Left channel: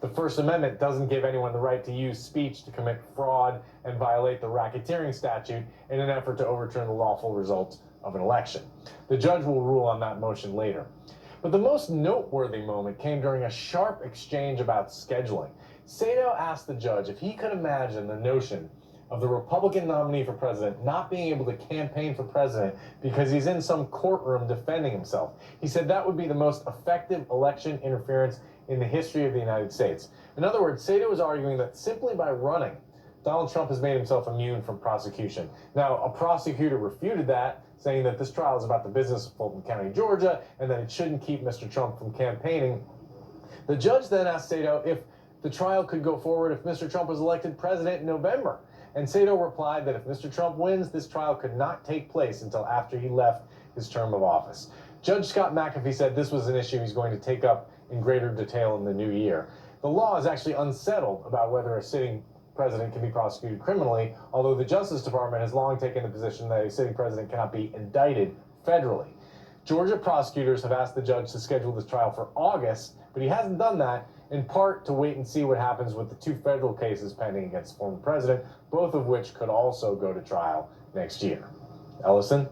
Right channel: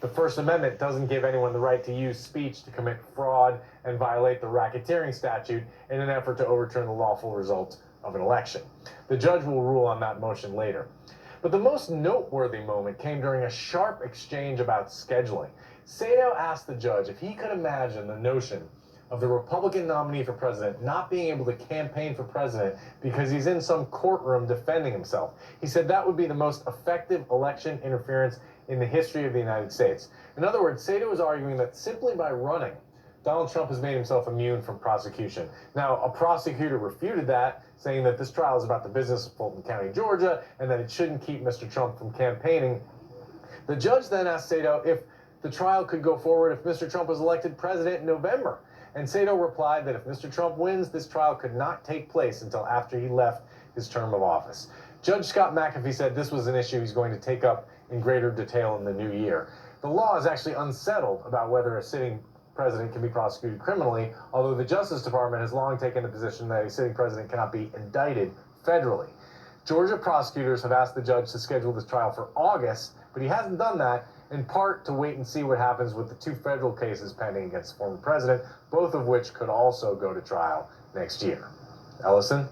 The First Amendment doesn't give anyone the right to use speech to commit fraud and violate the racketeering statute in an effort to overturn the lawful result of an election. The judge will rule on that motion later. But the most noteworthy moment came during a sharp exchange about scheduling. Sato asked the judge if he could imagine the notion of the Republican nominee for president not being able to campaign for president because he's in some courtroom defending himself. He said that would be the most effective election interference in the history of the United States. In other words, Sato was arguing that simply by running, Donald Trump has made himself immune from prosecution. Now, a prosecutor refuted that, saying that this trial is about the business of Fulton County, Georgia, and that it shouldn't keep Mr. Trump from campaigning. The judge then asked Sato if the trial could go forward if Mr. Trump was elected president in November. And Sato replied that if Mr. Trump wins, this trial could not take place until after he left his term of office. Judge Scott McAfee said this was an issue he's going to take up in greater detail in the new year. The law is actually unsettled about whether a sitting president can be prosecuted criminally, although the Justice Department has long taken the position that a sitting president cannot be indicted federally. Georgia prosecutors have asked the judge to schedule this trial for August, but he hasn't done that, in part to wait and see what happens with the two federal cases pending against the former president, both of which could also go to trial next year. Ellison?